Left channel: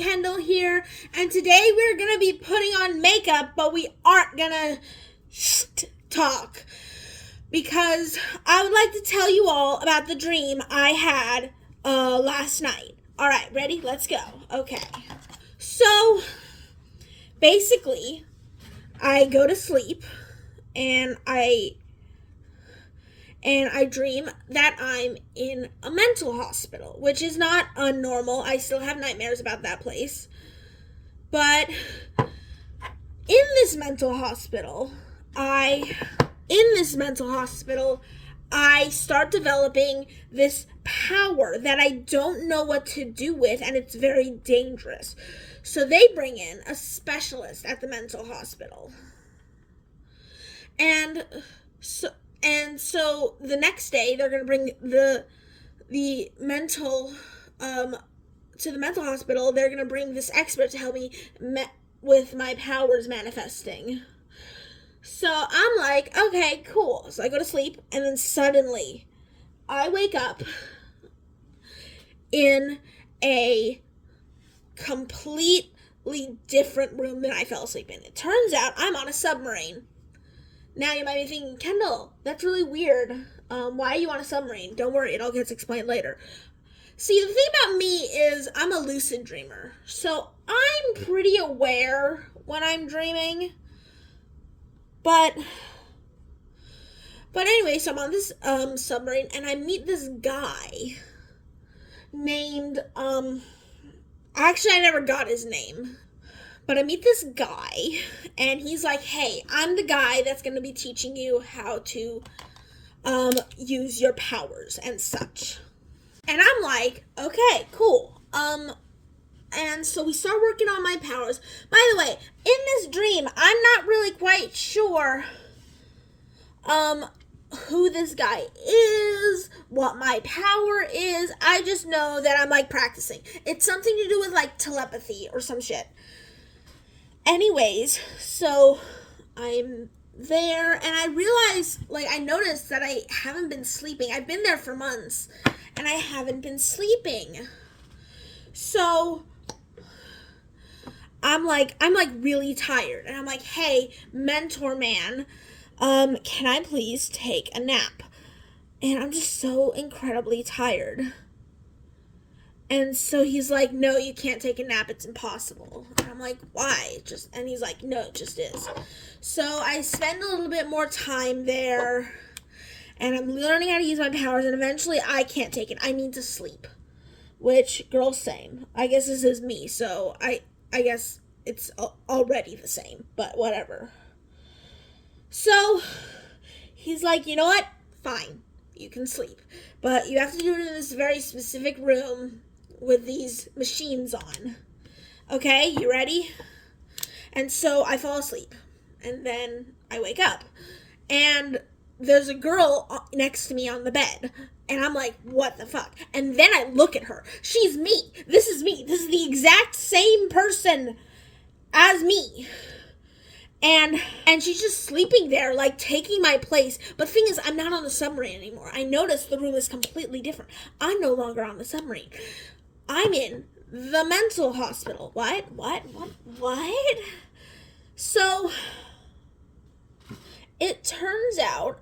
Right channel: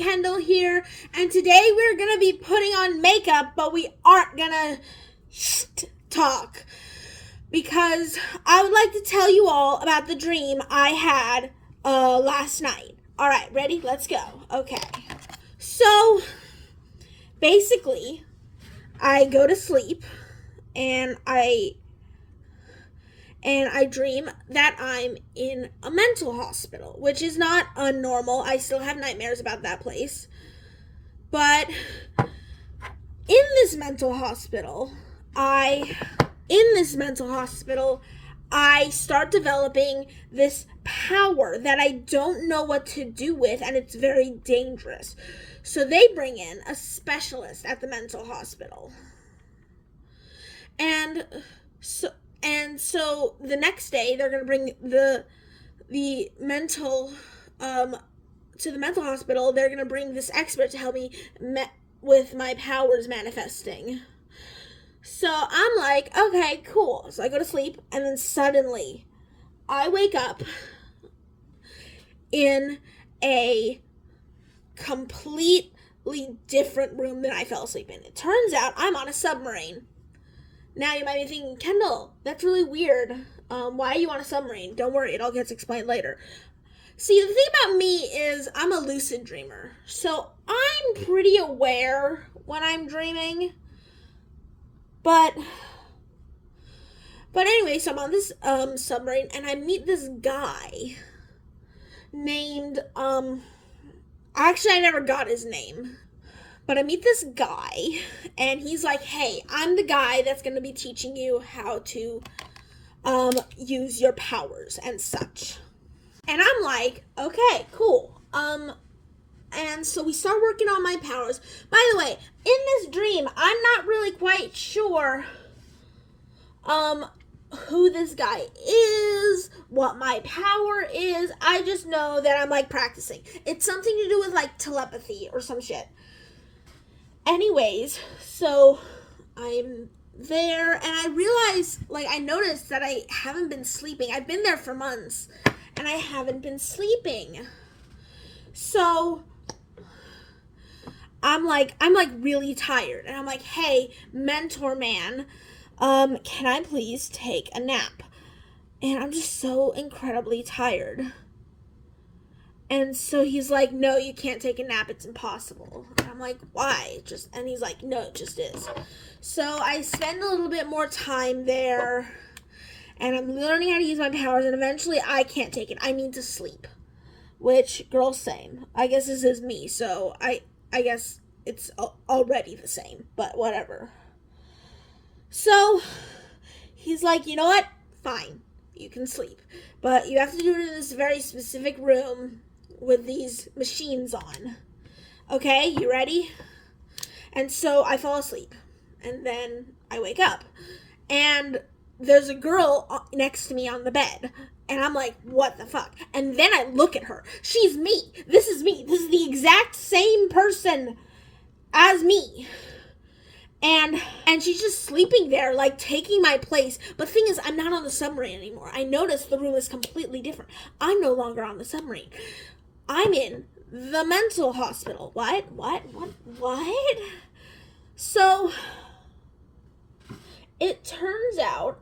Kendall here, and today we're gonna be putting on makeup, but we aren't gonna talk because I would like to tell you all about the dream I had last night. Alright, ready? Let's go. Okay. So, basically, I go to sleep and I dream that I'm in a mental hospital, which is not unnormal. I still have nightmares about that place. But in this mental hospital, I start developing this power that I don't know what to do with, and it's very dangerous. So they bring in a specialist at the mental hospital. And so the next day they're going to bring the mental to the mental hospital. They're going to bring this expert to help me with my powers manifesting. So I'm like, okay, cool. So I go to sleep, and then suddenly I wake up in a completely different room than I fell asleep in. It turns out I'm on a submarine. Now you might be thinking, Kendall, that's really weird. Why are you on a submarine? Don't worry, it all gets explained later. See, the thing about me is I'm a lucid dreamer. So I'm pretty aware when I'm dreaming. But anyway, so I'm on this submarine, and I meet this guy named, actually I never got his name. But I meet this guy, and he's like, hey, I'm the guy that's going to be teaching you how to use your powers and such. And I'm like, okay, cool. And so we start working on my powers. By the way, in this dream, I'm not really quite sure who this guy is, what my power is. I just know that I'm like practicing. It's something to do with like telepathy or some shit. Anyways, so I'm there, and I realize, I noticed that I haven't been sleeping. I've been there for months, and I haven't been sleeping. So I'm really tired, and I'm like, hey, mentor man, can I please take a nap? And I'm just so incredibly tired. And so he's like, no, you can't take a nap. It's impossible. And I'm like, why? And he's like, no, it just is. So I spend a little bit more time there, and I'm learning how to use my powers, and eventually I can't take it. I need to sleep. Which, girl, same. I guess this is me, so I guess it's already the same, but whatever. So he's like, you know what? Fine. You can sleep. But you have to do it in this very specific room with these machines on. Okay, you ready? And so I fall asleep, and then I wake up, and there's a girl next to me on the bed, and I'm like, what the fuck? And then I look at her. She's me. This is me. This is the exact same person as me. And she's just sleeping there, taking my place. But the thing is, I'm not on the submarine anymore. I noticed the room is completely different. I'm no longer on the submarine. I'm in the mental hospital. What? So, it turns out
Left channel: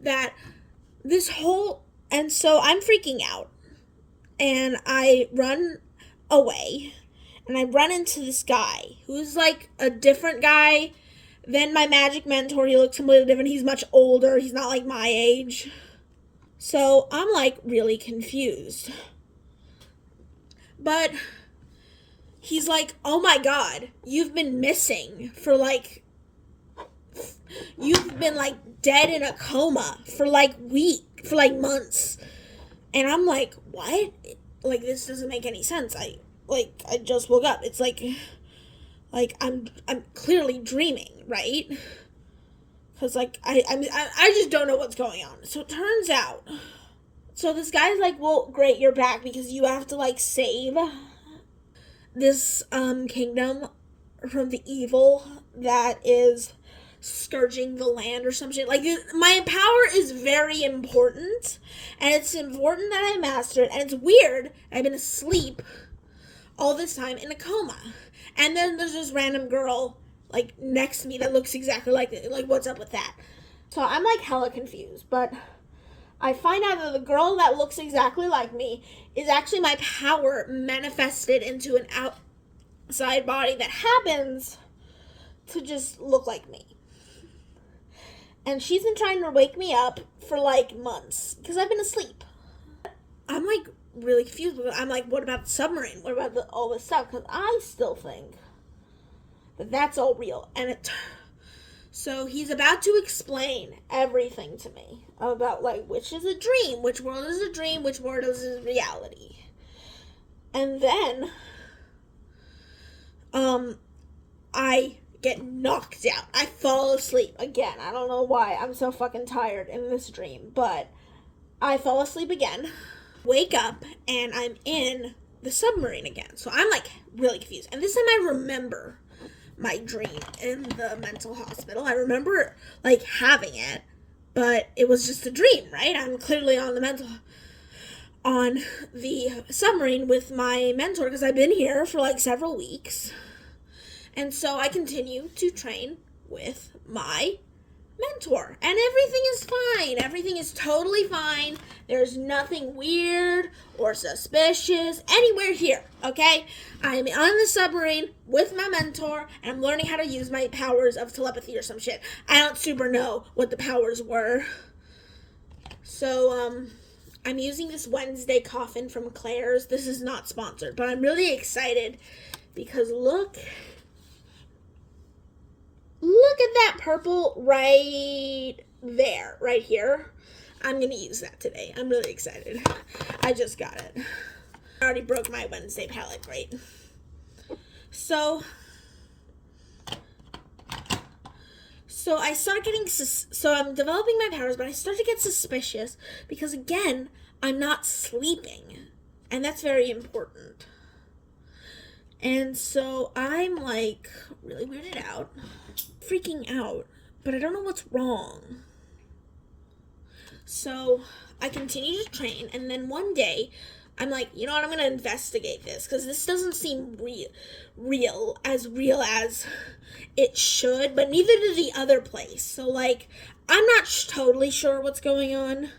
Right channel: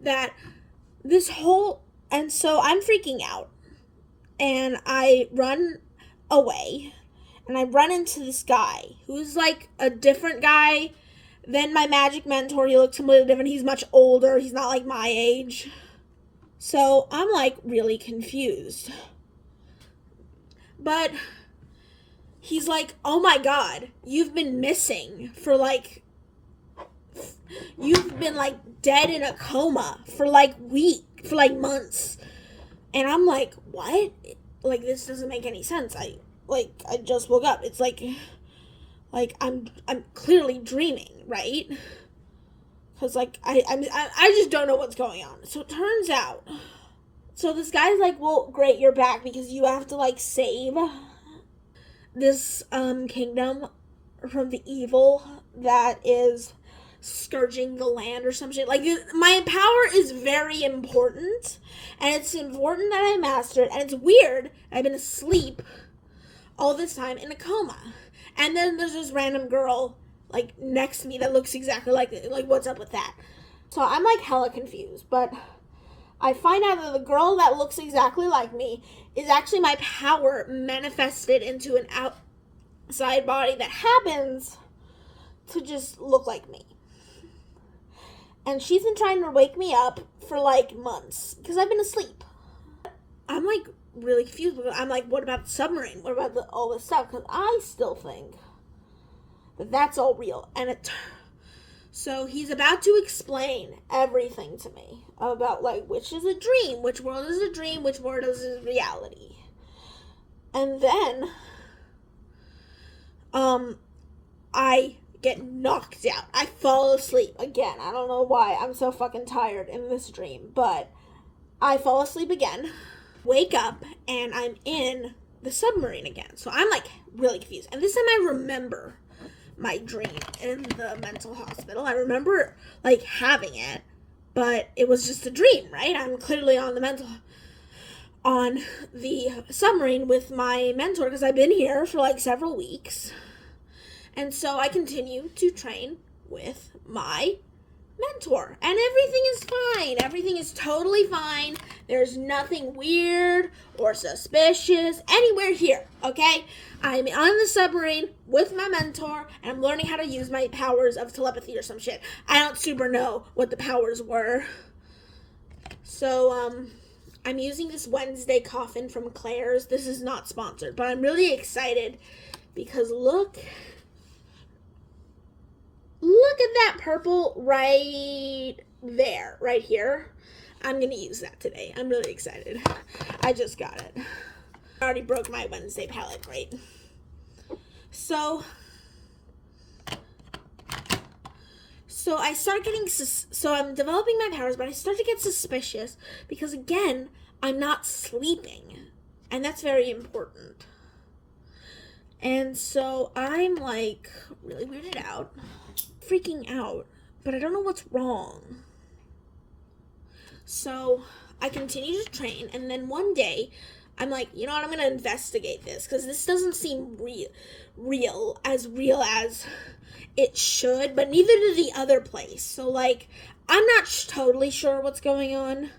that and so I'm freaking out. And I run away. And I run into this guy who's a different guy than my magic mentor. He looks completely different. He's much older. He's not my age. So I'm really confused. But he's like, oh my god, you've been missing for you've been dead in a coma for months. And I'm like, what? This doesn't make any sense. I just woke up. It's I'm clearly dreaming, right? Because I just don't know what's going on. So it turns out, so this guy's like, well, great, you're back because you have to save this kingdom from the evil that is scourging the land or some shit. Like, my power is very important, and it's important that I master it, and it's weird. I've been asleep all this time in a coma. And then there's this random girl, like, next to me that looks exactly like it. Like, what's up with that? So I'm, like, hella confused, but I find out that the girl that looks exactly like me is actually my power manifested into an outside body that happens to just look like me. And she's been trying to wake me up for like months because I've been asleep. I'm like really confused. I'm like, what about the submarine? What about all this stuff? Because I still think that that's all real. So he's about to explain everything to me about like which is a dream, which world is a dream, which world is reality. And then I get knocked out. I fall asleep again. I don't know why I'm so fucking tired in this dream, but I fall asleep again, wake up, and I'm in the submarine again. So I'm like really confused. And this time I remember my dream in the mental hospital. I remember like having it, but it was just a dream, right? I'm clearly on the submarine with my mentor because I've been here for like several weeks. And so I continue to train with my mentor. And everything is fine. Everything is totally fine. There's nothing weird or suspicious anywhere here, okay? I'm on the submarine with my mentor, and I'm learning how to use my powers of telepathy or some shit. I don't super know what the powers were. So, I'm using this Wednesday coffin from Claire's. This is not sponsored, but I'm really excited because look at that purple right there, right here. I'm going to use that today. I'm really excited. I just got it. I already broke my Wednesday palette, right? So I started getting, so I'm developing my powers, but I start to get suspicious because, again, I'm not sleeping. And that's very important. And so I'm, like, really weirded out, freaking out, but I don't know what's wrong. So I continue to train, and then one day, I'm like, you know what, I'm going to investigate this, because this doesn't seem real as it should, but neither did the other place. So, like, I'm not totally sure what's going on,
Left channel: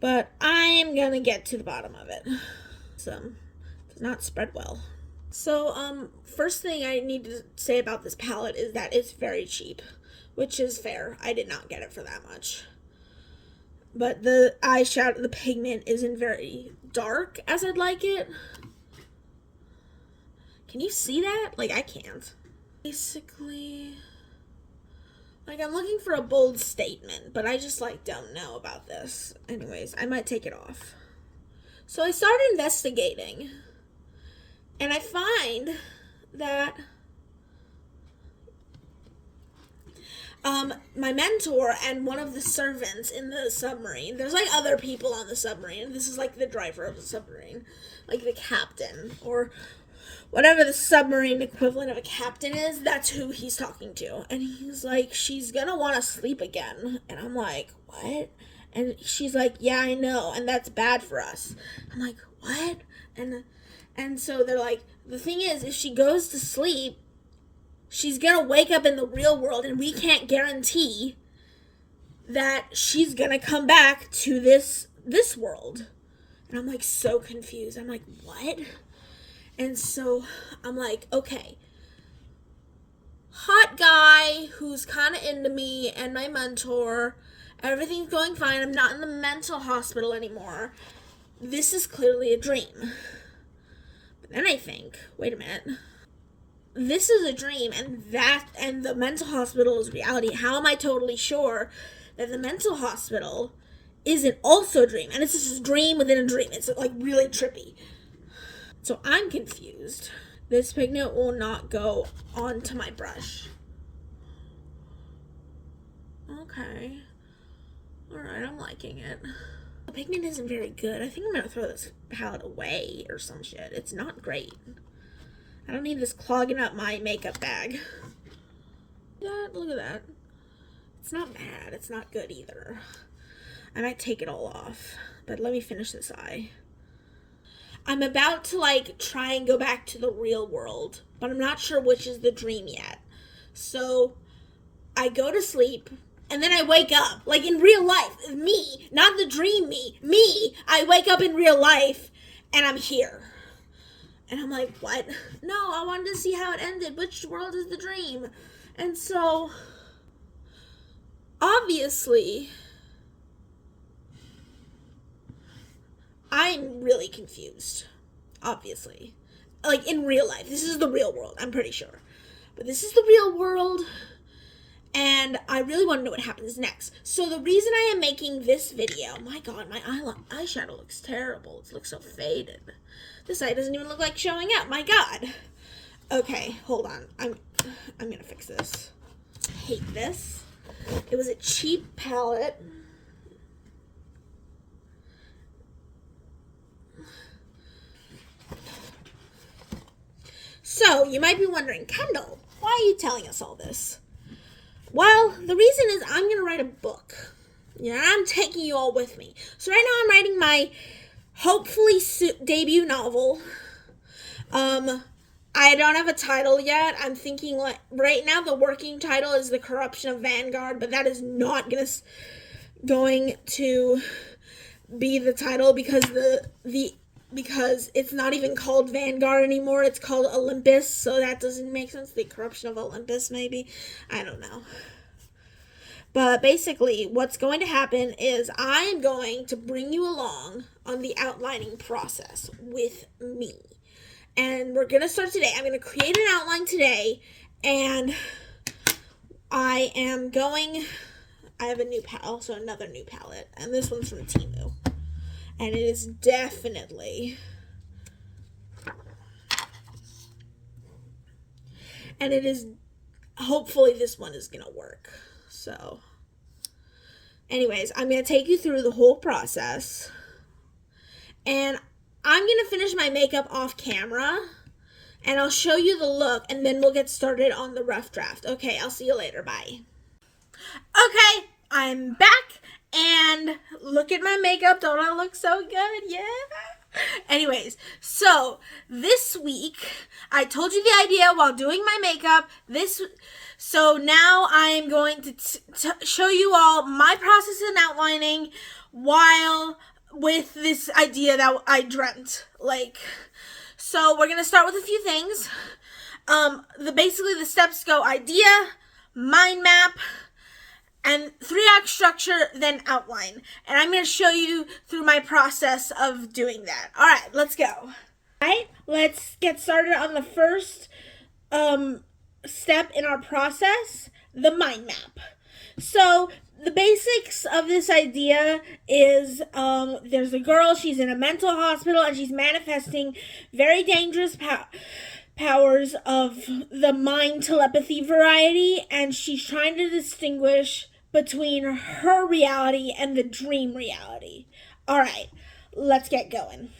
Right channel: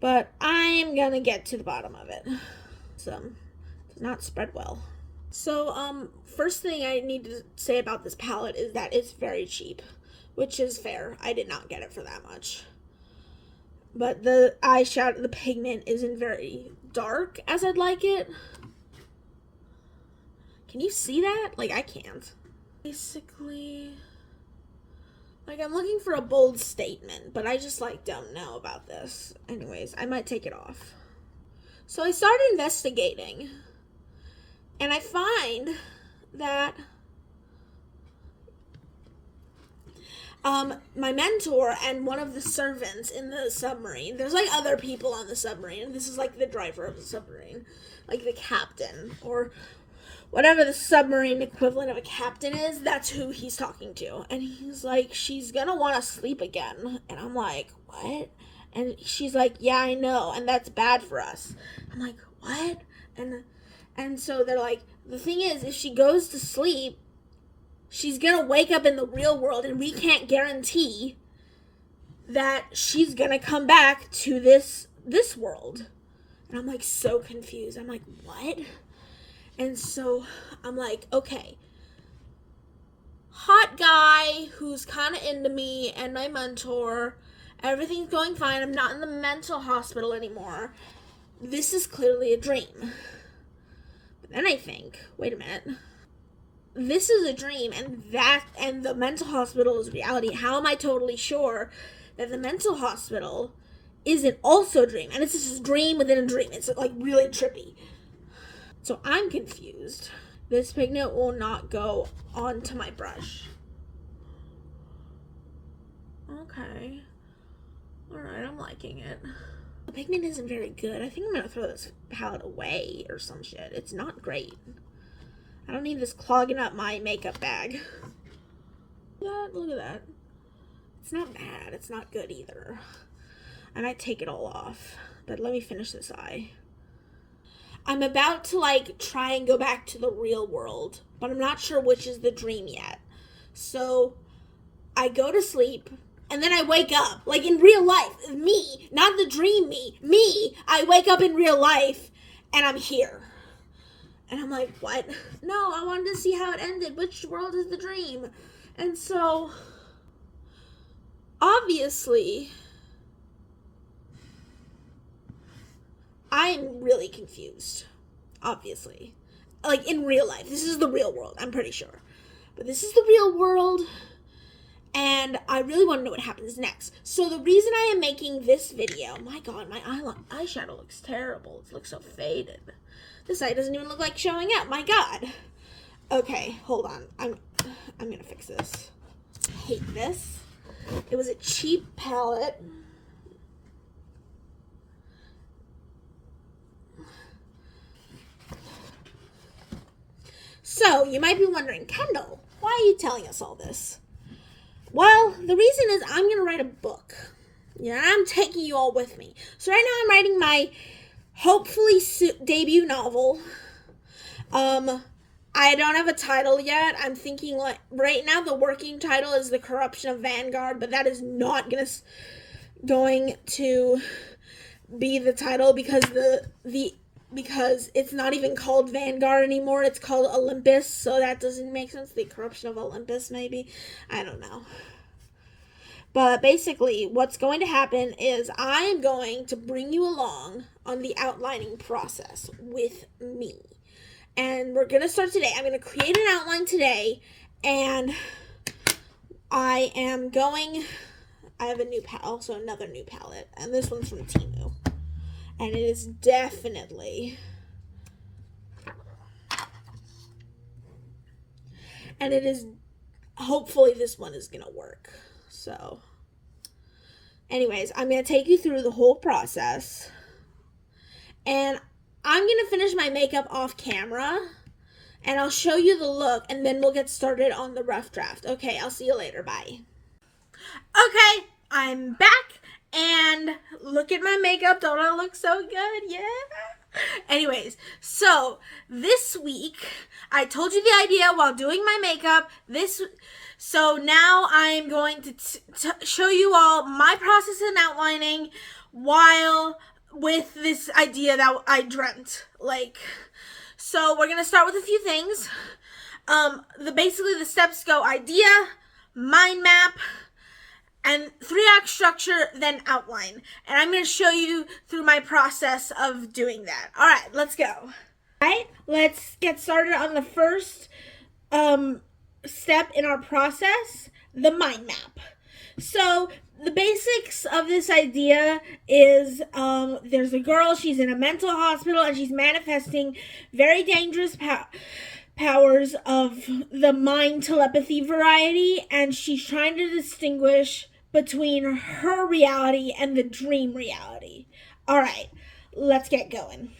but I'm going to get to the bottom of it. So, does not spread well. So, first thing I need to say about this palette is that it's very cheap, which is fair. I did not get it for that much. But the eyeshadow, the pigment isn't very dark as I'd like it. Can you see that? Like, I can't. Basically, like, I'm looking for a bold statement, but I just, like, don't know about this. Anyways, I might take it off. So I started investigating, and I find that my mentor and one of the servants in the submarine, there's like other people on the submarine, this is like the driver of the submarine, like the captain, or whatever the submarine equivalent of a captain is, that's who he's talking to. And he's like, she's gonna want to sleep again. And I'm like, what? And she's like, yeah, I know, and that's bad for us. I'm like, what? And so they're like, the thing is, if she goes to sleep, she's gonna wake up in the real world, and we can't guarantee that she's gonna come back to this world. And I'm like so confused. I'm like, what? And so I'm like, okay, hot guy who's kind of into me and my mentor, everything's going fine. I'm not in the mental hospital anymore. This is clearly a dream. But then I think, wait a minute. This is a dream, and the mental hospital is reality. How am I totally sure that the mental hospital isn't also a dream? And it's just a dream within a dream. It's like really trippy. So I'm confused. This pigment will not go onto my brush. Okay. Alright, I'm liking it. The pigment isn't very good. I think I'm gonna throw this palette away or some shit. It's not great. I don't need this clogging up my makeup bag. Look at that. It's not bad. It's not good either. I might take it all off. But let me finish this eye. I'm about to like try and go back to the real world, but I'm not sure which is the dream yet. So I go to sleep and then I wake up, like in real life. Me, not the dream me. I wake up in real life and I'm here. And I'm like, what? No, I wanted to see how it ended. Which world is the dream? And so, obviously, I'm really confused. Obviously. Like, in real life. This is the real world, I'm pretty sure. But this is the real world, and I really want to know what happens next. So the reason I am making this video, my god, my eyeshadow looks terrible. It looks so faded. This eye doesn't even look like showing up, my god. Okay, hold on. I'm gonna fix this. I hate this. It was a cheap palette. So, you might be wondering, Kendall, why are you telling us all this? Well, the reason is I'm going to write a book. Yeah, I'm taking you all with me. So right now I'm writing my hopefully debut novel. I don't have a title yet. I'm thinking like right now the working title is The Corruption of Vanguard, but that is not going to be the title because because it's not even called Vanguard anymore. It's called Olympus, so that doesn't make sense. The Corruption of Olympus, maybe. I don't know. But basically, what's going to happen is I'm going to bring you along on the outlining process with me. And we're going to start today. I'm going to create an outline today, and I have a new also another new palette, and this one's from Temu. And it is definitely, hopefully this one is going to work. So, anyways, I'm going to take you through the whole process. And I'm going to finish my makeup off camera. And I'll show you the look, and then we'll get started on the rough draft. Okay, I'll see you later. Bye. Okay, I'm back. And look at my makeup. Don't I look so good? Yeah. Anyways, so this week I told you the idea while doing my makeup. So now I'm going to show you all my process in outlining while with this idea that I dreamt. So we're gonna start with a few things. Basically the steps go idea, mind map, and 3-act structure, then outline. And I'm going to show you through my process of doing that. All right, let's go. All right, let's get started on the first step in our process, the mind map. So the basics of this idea is there's a girl, she's in a mental hospital, and she's manifesting very dangerous powers of the mind telepathy variety, and she's trying to distinguish between her reality and the dream reality. All right, let's get going.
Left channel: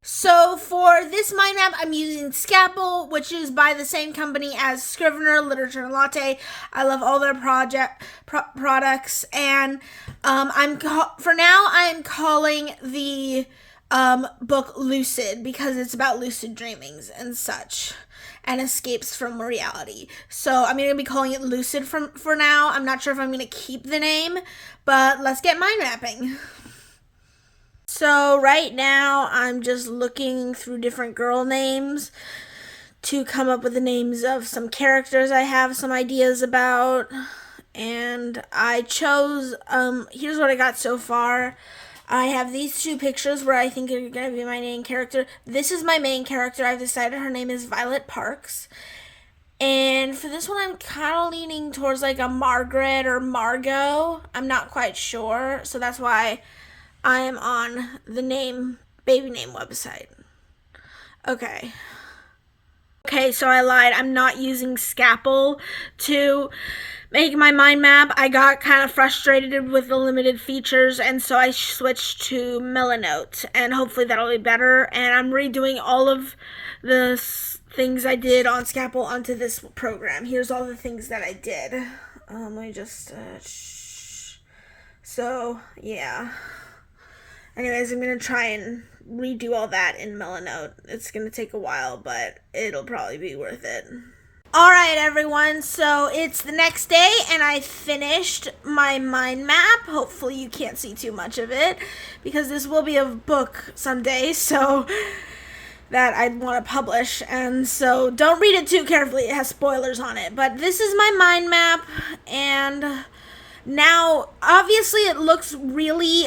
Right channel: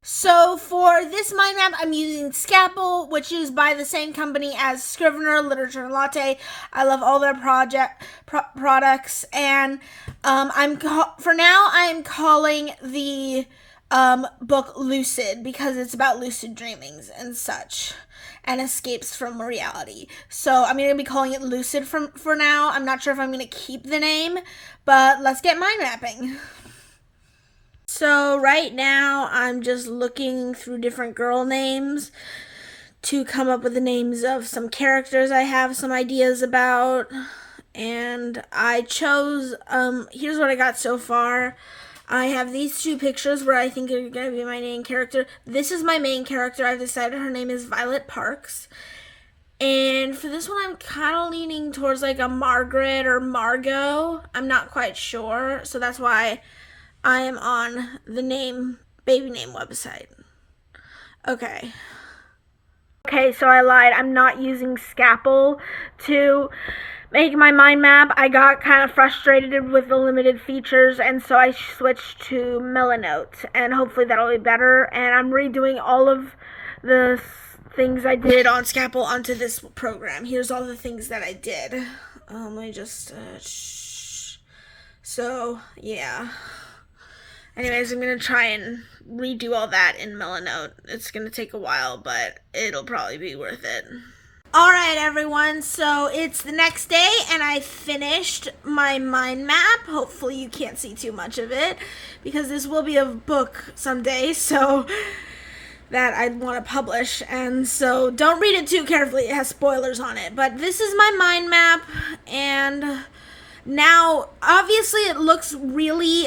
So for this mind map, I'm using Scalpel, which is by the same company as Scrivener, Literature, and Latte. I love all their products, and for now I'm calling the book Lucid because it's about lucid dreamings and such and escapes from reality. So I'm going to be calling it Lucid for now. I'm not sure if I'm going to keep the name, but let's get mind mapping. So right now I'm just looking through different girl names to come up with the names of some characters I have some ideas about. And I chose, here's what I got so far. I have these two pictures where I think are going to be my main character. This is my main character. I've decided her name is Violet Parks. And for this one, I'm kind of leaning towards like a Margaret or Margot. I'm not quite sure. So that's why I am on the baby name website. Okay, so I lied. I'm not using Scalpel to make my mind map, I got kind of frustrated with the limited features, and so I switched to Melanote, and hopefully that'll be better. And I'm redoing all of the things I did on Scapple onto this program. Here's all the things that I did. Let me just, so, yeah. Anyways, I'm going to try and redo all that in Melanote. It's going to take a while, but it'll probably be worth it. Alright everyone, so it's the next day and I finished my mind map. Hopefully you can't see too much of it because this will be a book someday, so that I'd want to publish, and so don't read it too carefully, it has spoilers on it. But this is my mind map, and now obviously it looks really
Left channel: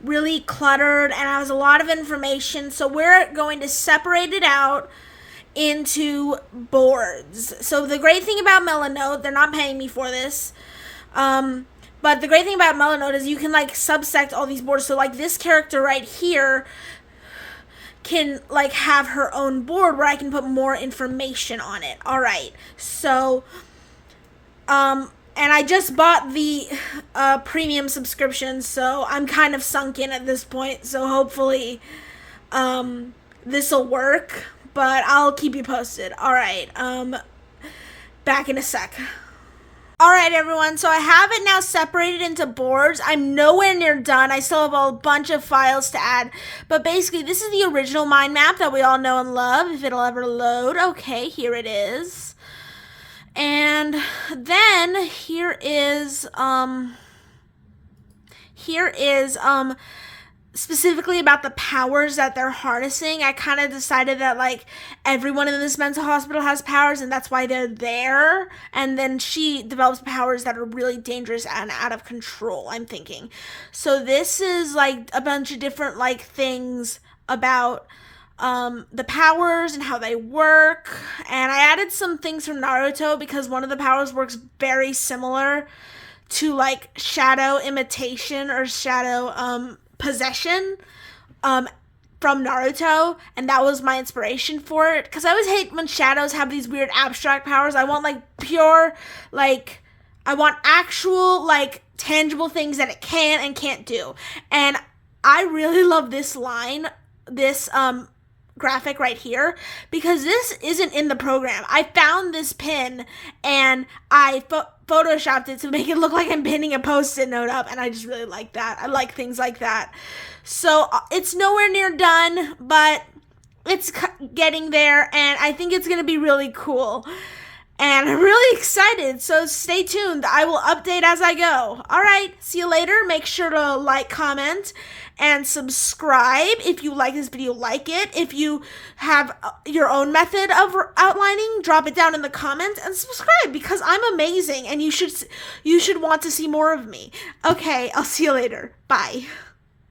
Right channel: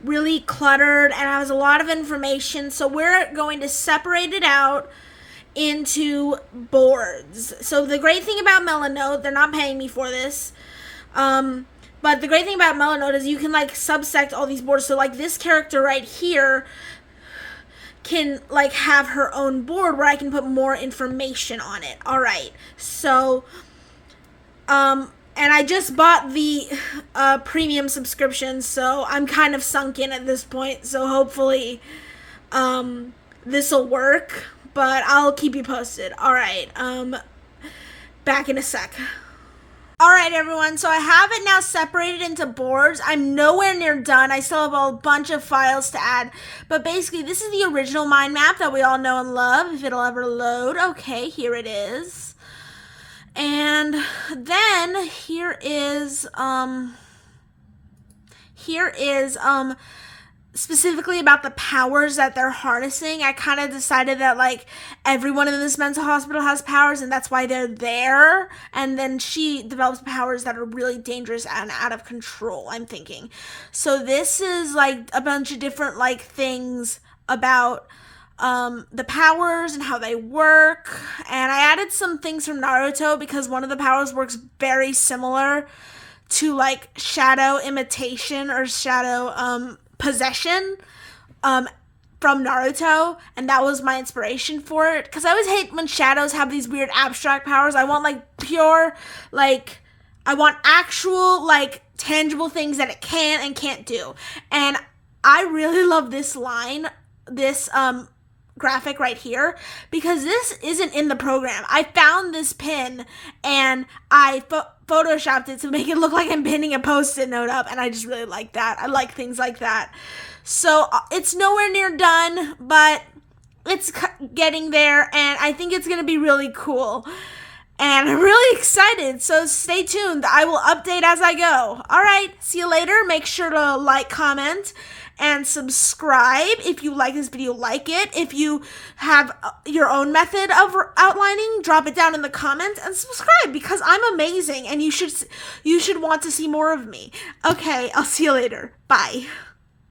really cluttered and has a lot of information, so we're going to separate it out into boards. So the great thing about Melanote, they're not paying me for this, but the great thing about Melanote is you can like subsect all these boards. So like this character right here can like have her own board where I can put more information on it. All right, so and I just bought the premium subscription, so I'm kind of sunk in at this point, so hopefully this will work, but I'll keep you posted. All right, back in a sec. All right, everyone, so I have it now separated into boards. I'm nowhere near done. I still have a bunch of files to add, but basically this is the original mind map that we all know and love, if it'll ever load. Okay, here it is. And then here is specifically about the powers that they're harnessing. I kind of decided that like everyone in this mental hospital has powers and that's why they're there, and then she develops powers that are really dangerous and out of control, I'm thinking. So this is like a bunch of different like things about the powers and how they work, and I added some things from Naruto because one of the powers works very similar to like shadow imitation or shadow possession from Naruto, and that was my inspiration for it, because I always hate when shadows have these weird abstract powers. I want like pure, like I want actual like tangible things that it can and can't do. And I really love this line, this graphic right here, because this isn't in the program. I found this pin and I photoshopped it to make it look like I'm pinning a post-it note up, and I just really like that. I like things like that. So it's nowhere near done, but it's getting there, and I think it's gonna be really cool, and I'm really excited, so stay tuned. I will update as I go. All right, see you later. Make sure to like, comment, and subscribe if you like this video. Like it. If you have your own method of outlining, drop it down in the comments, and subscribe because I'm amazing and you should want to see more of me. Okay, I'll see you later. Bye.